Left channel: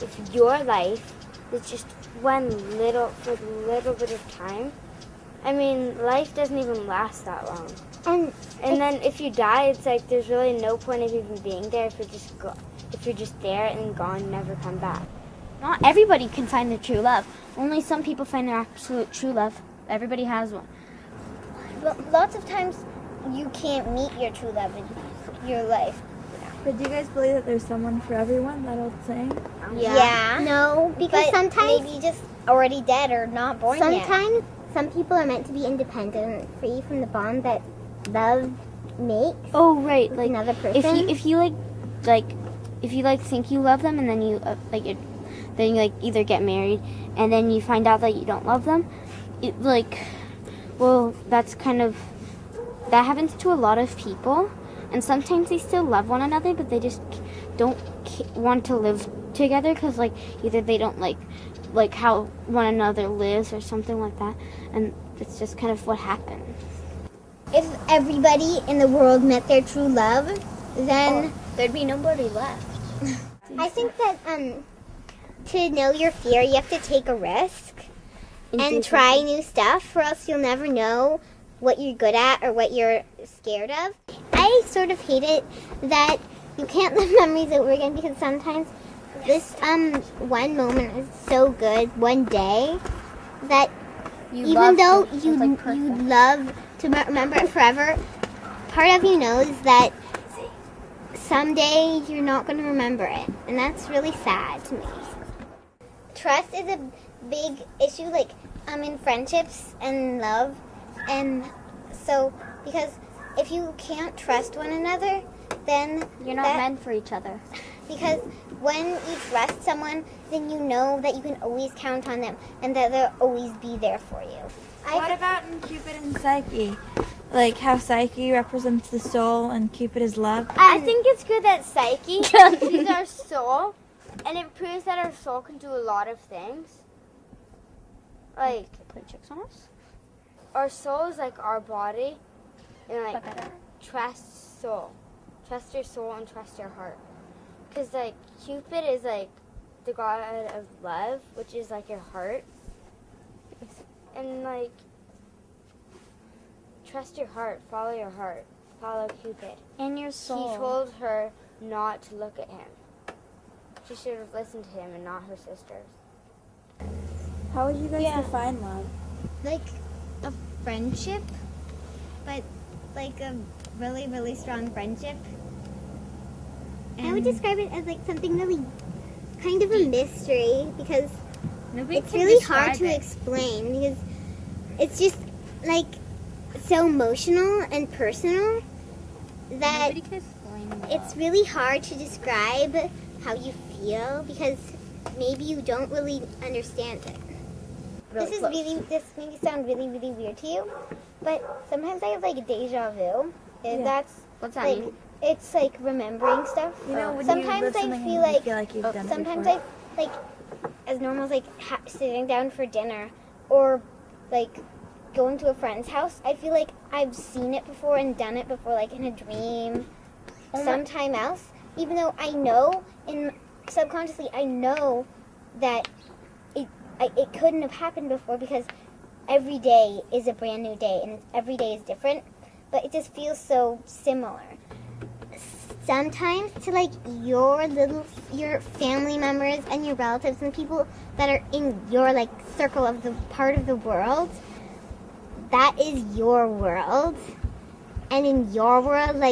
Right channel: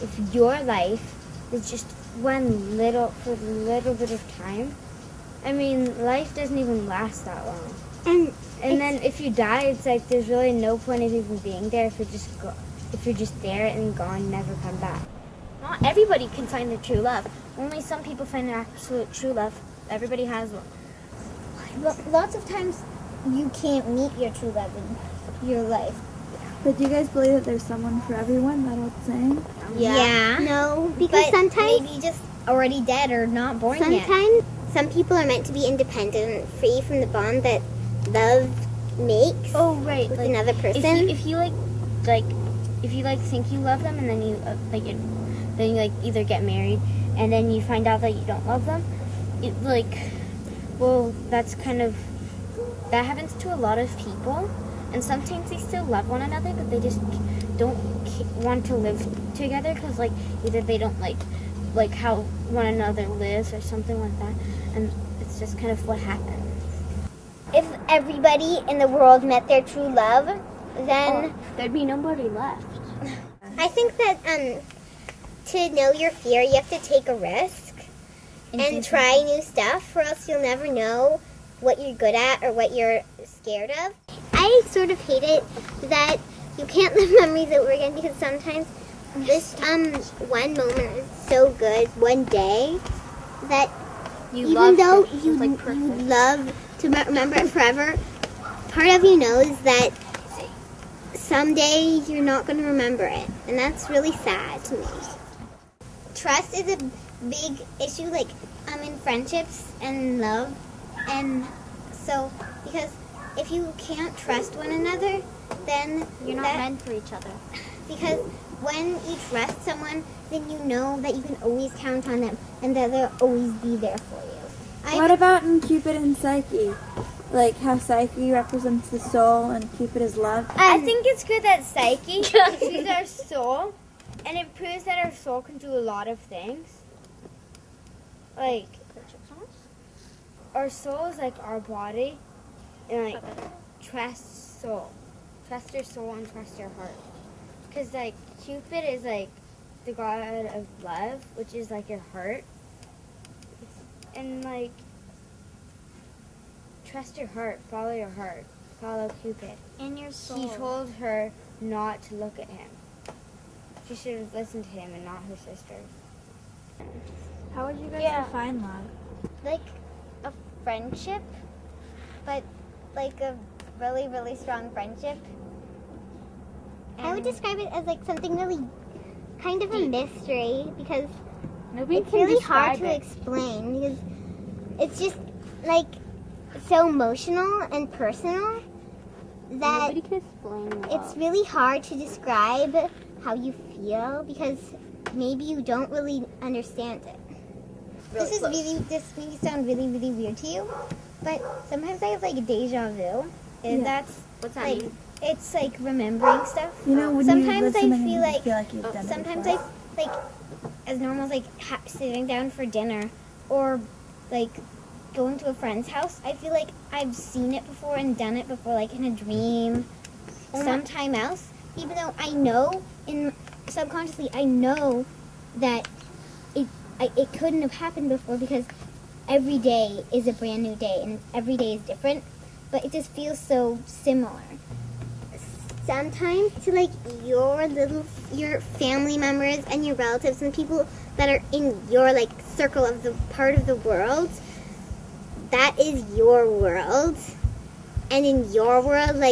if your life is just one little bit of time, I mean, life doesn't even last that long. And then if you die, it's like there's really no point of even being there if you're just there and gone, never come back. Not everybody can find their true love. Only some people find their absolute true love. Everybody has one. Lots of times you can't meet your true love in your life. But do you guys believe that there's someone for everyone, that old saying? Yeah. No, because sometimes maybe just already dead or not born yet. Sometimes some people are meant to be independent, free from the bond that love makes. Oh, right. With another person. If you think you love them, and then you then you either get married, and then you find out that you don't love them, that happens to a lot of people, and sometimes they still love one another, but they just don't want to live together because either they don't like how one another lives or something like that, and it's just kind of what happens. If everybody in the world met their true love, then there'd be nobody left. I think that to know your fear, you have to take a risk and try new stuff, or else you'll never know what you're good at or what you're scared of. I sort of hate it that you can't live memories over again, because sometimes this one moment is so good, one day, that even though you love to remember it forever, part of you knows that someday you're not going to remember it, and that's really sad to me. Trust is a big issue, in friendships and love, and so because if you can't trust one another, then you're not meant for each other. Because when you trust someone, then you know that you can always count on them, and that they'll always be there for you. What about in Cupid and Psyche? Like how Psyche represents the soul and Cupid is love? I think it's good that Psyche, she's our soul, and it proves that our soul can do a lot of things. Our soul is like our body, and trust soul. Trust your soul and trust your heart. Because Cupid is the god of love, which is your heart. And trust your heart, follow Cupid. And your soul. He told her not to look at him. She should have listened to him and not her sisters. How would you guys define love? Like a friendship, but a really, really strong friendship. I would describe it as something really kind of a mystery, because it's really hard to explain, because it's just so emotional and personal that nobody can explain love. It's really hard to describe how you feel, because maybe you don't really understand it. This may sound really, really weird to you, but sometimes I have deja vu. What's that mean? It's remembering stuff. You know, when sometimes you I feel like you've done it sometimes before. As normal as sitting down for dinner, or going to a friend's house, I feel like I've seen it before and done it before, in a dream, sometime else. Even though I know, subconsciously, I know that it couldn't have happened before, because every day is a brand new day, and every day is different, but it just feels so similar. Sometimes to your family members and your relatives and people that are in your circle of the part of the world, that is your world, and in your world,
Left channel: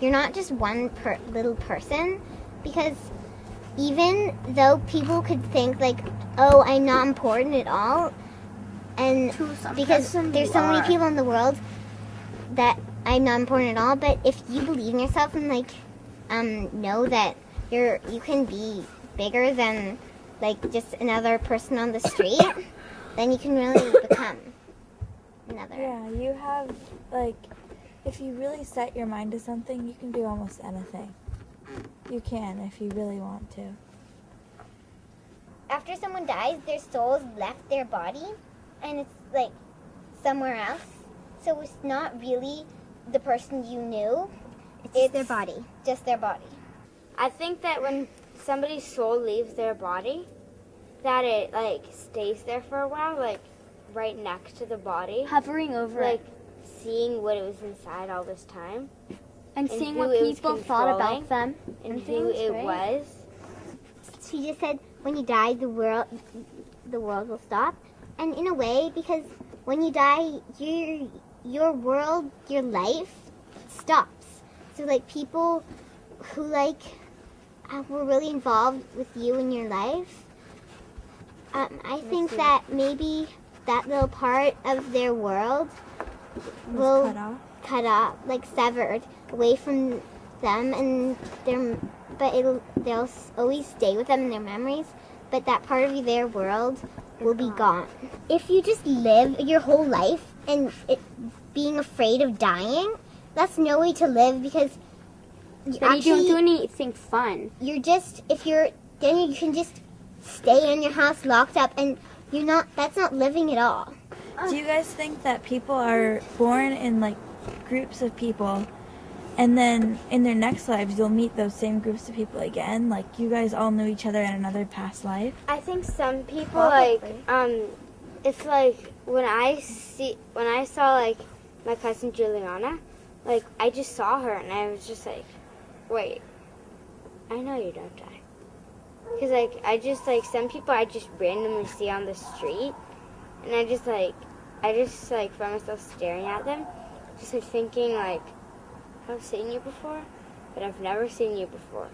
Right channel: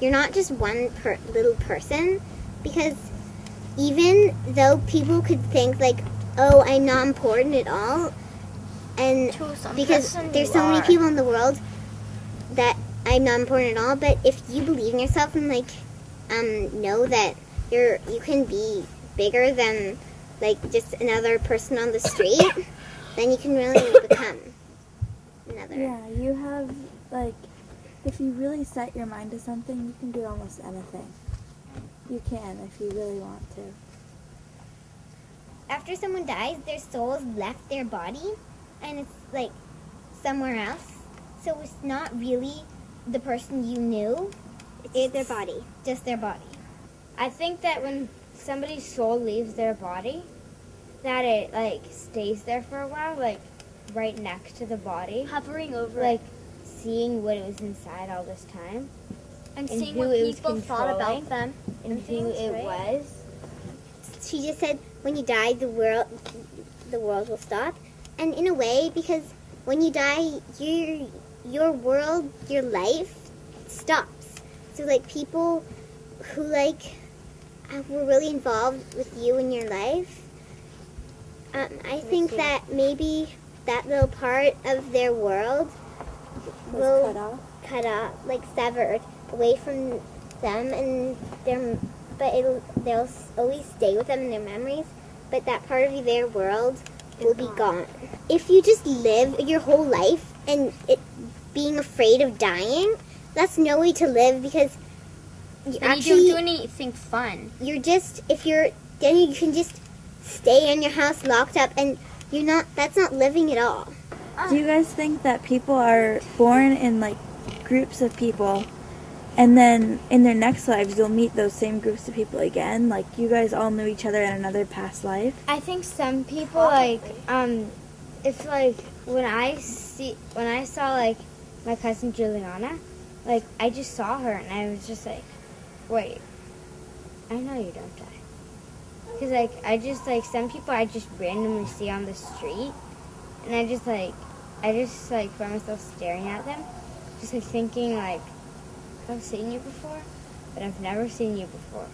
you're not just one little person, because even though people could think oh, I'm not important at all, and because there's so many people in the world that I'm not important at all, but if you believe in yourself and know that you can be bigger than just another person on the street, then you can really become another. Yeah, you have if you really set your mind to something, you can do almost anything. You can if you really want to. After someone dies, their soul's left their body, and it's somewhere else. So it's not really the person you knew. It's their body. Just their body. I think that when somebody's soul leaves their body, that it like stays there for a while, like right next to the body, Hovering over like it. seeing what it was inside all this time, And seeing who what it was people thought controlling, about them. and who things, it right? was. She just said when you die, the world will stop. And in a way, because when you die, your world, your life stops. So like people who like were really involved with you in your life, I think that maybe that little part of their world will cut off, like severed away from them, and they'll always stay with them in their memories. But that part of their world will be gone. If you just live your whole life and being afraid of dying, that's no way to live, because You don't do anything fun. then you can just stay in your house locked up, and that's not living at all. Do you guys think that people are born in like groups of people, and then in their next lives they'll meet those same groups of people again? Like you guys all knew each other in another past life? I think some people like if like when I saw like my cousin Juliana, like I just saw her and I was just like, wait, I know you don't die. Cause like I just like some people I just randomly see on the street, and I just like find myself staring at them, just like thinking like, I've seen you before, but I've never seen you before.